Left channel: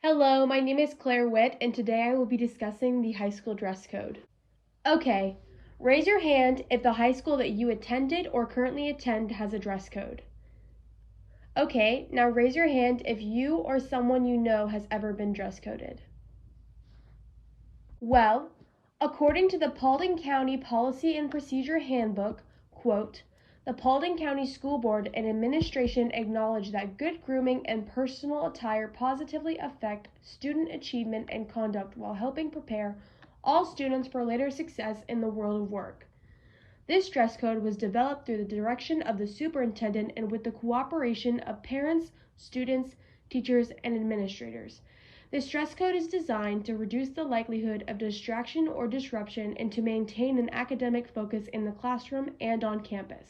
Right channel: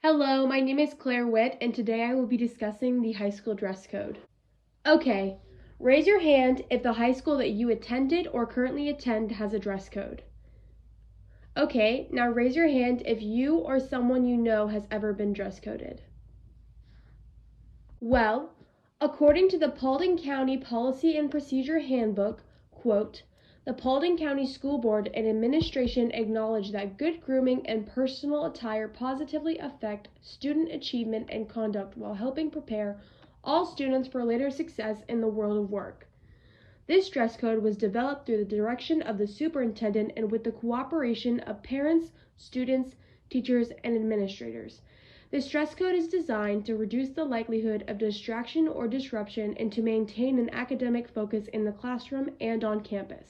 Hello, my name is Claire Witt, and today I will be discussing the high school dress code. Okay, raise your hand if the high school that you attended or currently attend has a dress code. Okay, now raise your hand if you or someone you know has ever been dress coded. Well, according to the Paulding County Policy and Procedure Handbook, quote, the Paulding County School Board and Administration acknowledge that good grooming and personal attire positively affect student achievement and conduct while helping prepare all students for later success in the world of work. This dress code was developed through the direction of the superintendent and with the cooperation of parents, students, teachers, and administrators. This dress code is designed to reduce the likelihood of distraction or disruption and to maintain an academic focus in the classroom and on campus.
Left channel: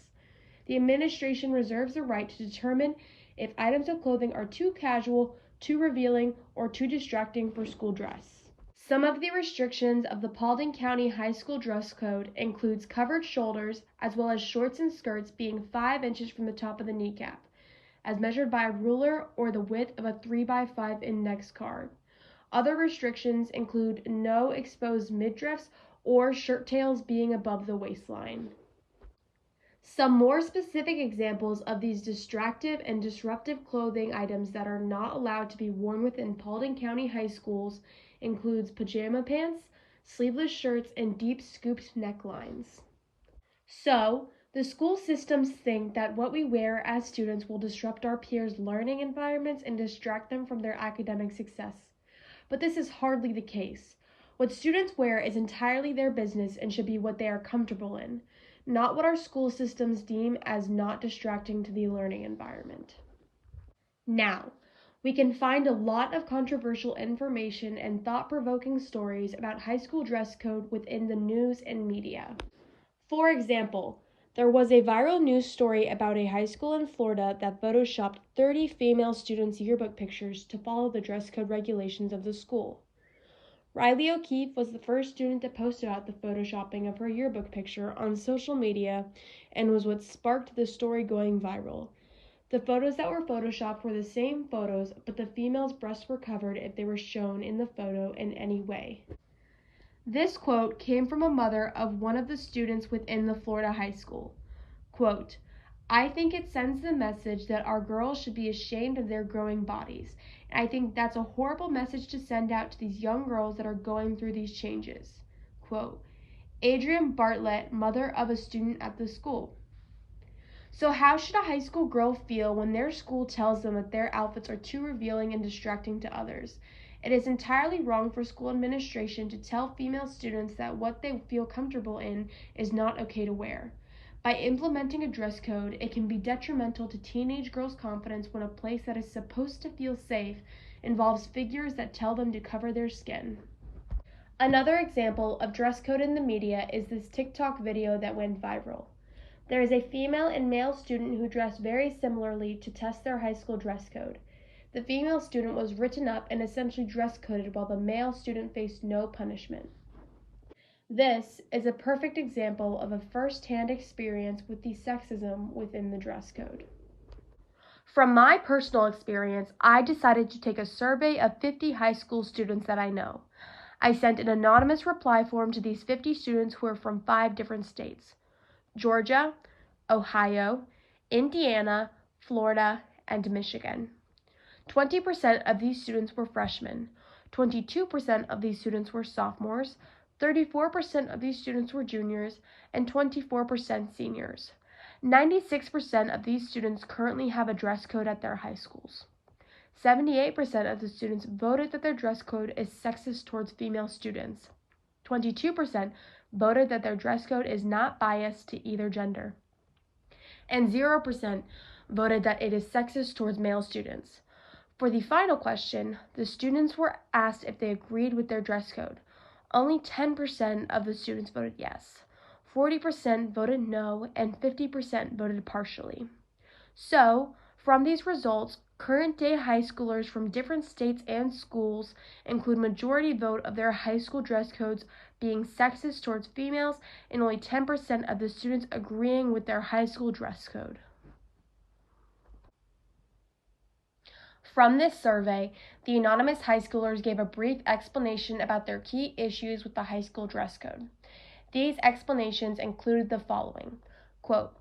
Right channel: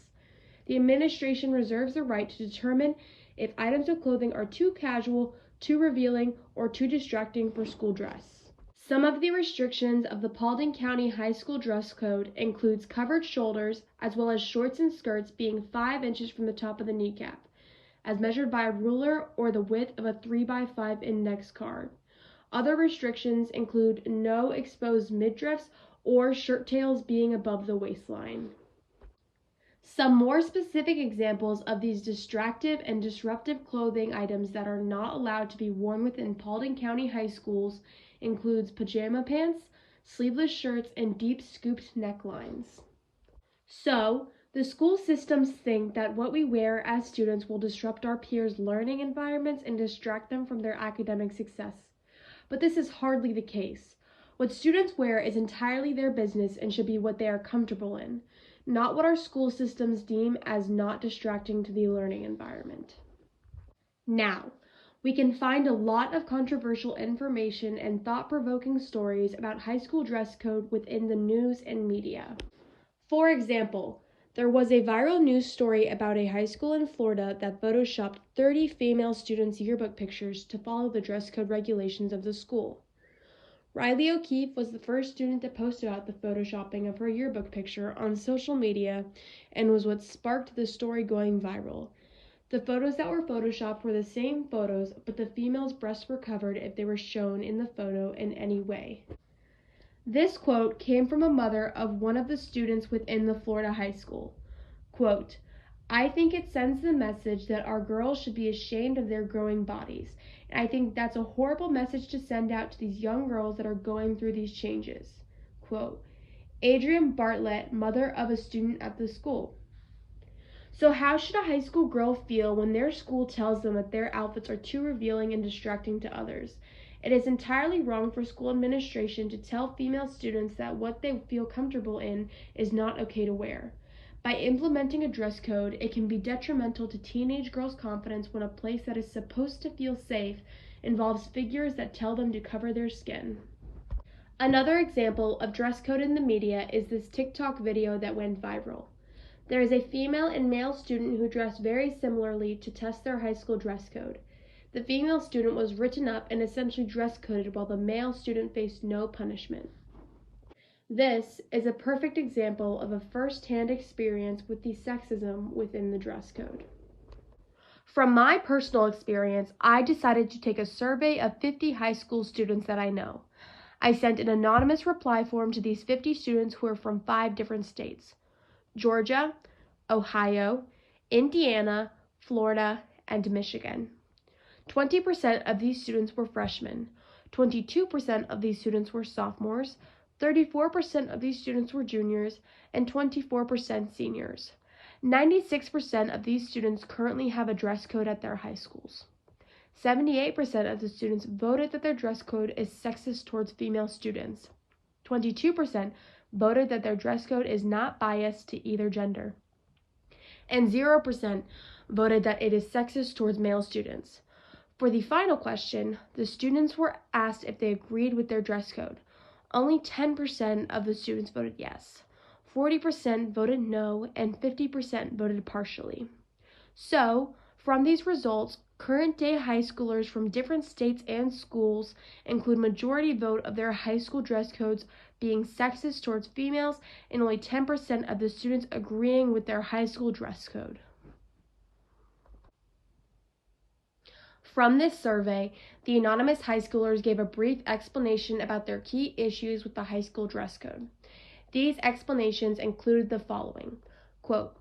The administration reserves the right to determine if items of clothing are too casual, too revealing, or too distracting for school dress. Some of the restrictions of the Paulding County High School dress code includes covered shoulders as well as shorts and skirts being 5 inches from the top of the kneecap, as measured by a ruler or the width of a 3x5 index card. Other restrictions include no exposed midriffs or shirt tails being above the waistline. Some more specific examples of these distractive and disruptive clothing items that are not allowed to be worn within Paulding County high schools includes pajama pants, sleeveless shirts, and deep scooped necklines. So, the school systems think that what we wear as students will disrupt our peers' learning environments and distract them from their academic success. But this is hardly the case. What students wear is entirely their business and should be what they are comfortable in, not what our school systems deem as not distracting to the learning environment. Now, we can find a lot of controversial information and thought-provoking stories about high school dress code within the news and media. For example, there was a viral news story about a high school in Florida that photoshopped 30 female students' yearbook pictures to follow the dress code regulations of the school. Riley O'Keefe was the first student to post about the photoshopping of her yearbook picture on social media and was what sparked the story going viral. The photos that were photoshopped were the same photos, but the female's breasts were covered if they were shown in the photo in any way. This quote came from a mother of one of the students within the Florida high school. Quote, I think it sends the message that our girls should be ashamed of their growing bodies. And I think that's a horrible message to send out to these young girls that are going through these changes. Quote, Adrienne Bartlett, mother of a student at the school. So how should a high school girl feel when their school tells them that their outfits are too revealing and distracting to others? It is entirely wrong for school administration to tell female students that what they feel comfortable in is not okay to wear. By implementing a dress code, it can be detrimental to teenage girls' confidence when a place that is supposed to feel safe involves figures that tell them to cover their skin. Another example of dress code in the media is this TikTok video that went viral. There is a female and male student who dress very similarly to test their high school dress code. The female student was written up and essentially dress coded while the male student faced no punishment. This is a perfect example of a first-hand experience with the sexism within the dress code. From my personal experience, I decided to take a survey of 50 high school students that I know. I sent an anonymous reply form to these 50 students who are from 5 different states: Georgia, Ohio, Indiana, Florida, and Michigan. 20% of these students were freshmen, 22% of these students were sophomores, 34% of these students were juniors, and 24% seniors. 96% of these students currently have a dress code at their high schools. 78% of the students voted that their dress code is sexist towards female students. 22% voted that their dress code is not biased to either gender. And 0% voted that it is sexist towards male students. For the final question, the students were asked if they agreed with their dress code. Only 10% of the students voted yes, 40% voted no, and 50% voted partially. So, from these results, current-day high schoolers from different states and schools include majority vote of their high school dress codes being sexist towards females and only 10% of the students agreeing with their high school dress code. From this survey, the anonymous high schoolers gave a brief explanation about their key issues with the high school dress code. These explanations included the following, quote,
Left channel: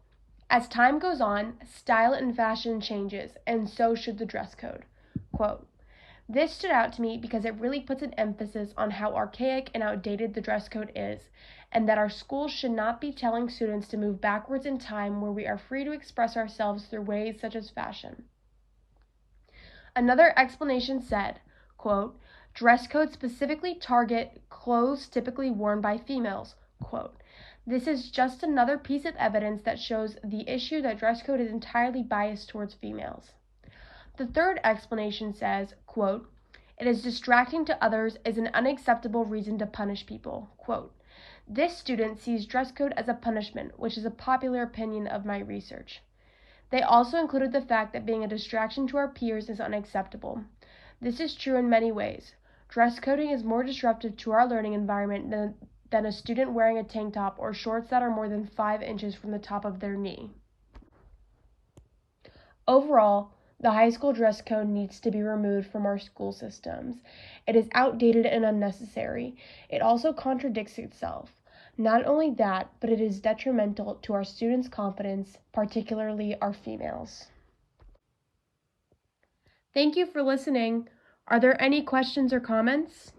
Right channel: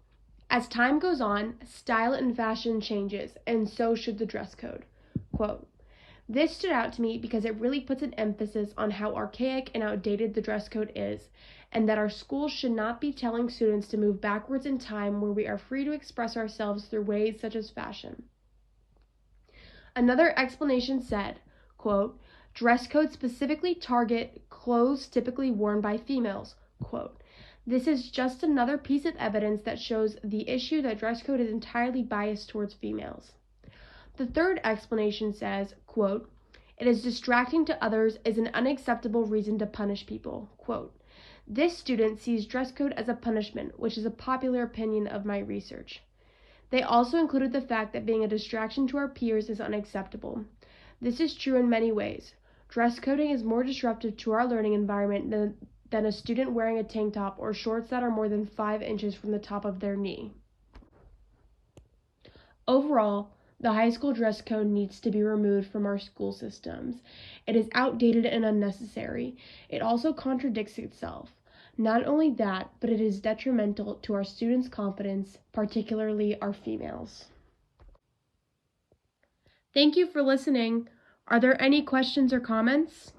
"As time goes on, style and fashion changes, and so should the dress code." Quote, "This stood out to me because it really puts an emphasis on how archaic and outdated the dress code is, and that our schools should not be telling students to move backwards in time where we are free to express ourselves through ways such as fashion." Another explanation said, quote, "Dress codes specifically target clothes typically worn by females." Quote, "This is just another piece of evidence that shows the issue that dress code is entirely biased towards females." The third explanation says, quote, "It is distracting to others is an unacceptable reason to punish people." Quote, "This student sees dress code as a punishment, which is a popular opinion of my research." They also included the fact that being a distraction to our peers is unacceptable. This is true in many ways. Dress coding is more disruptive to our learning environment than a student wearing a tank top or shorts that are more than 5 inches from the top of their knee. Overall, the high school dress code needs to be removed from our school systems. It is outdated and unnecessary. It also contradicts itself. Not only that, but it is detrimental to our students' confidence, particularly our females. Thank you for listening. Are there any questions or comments?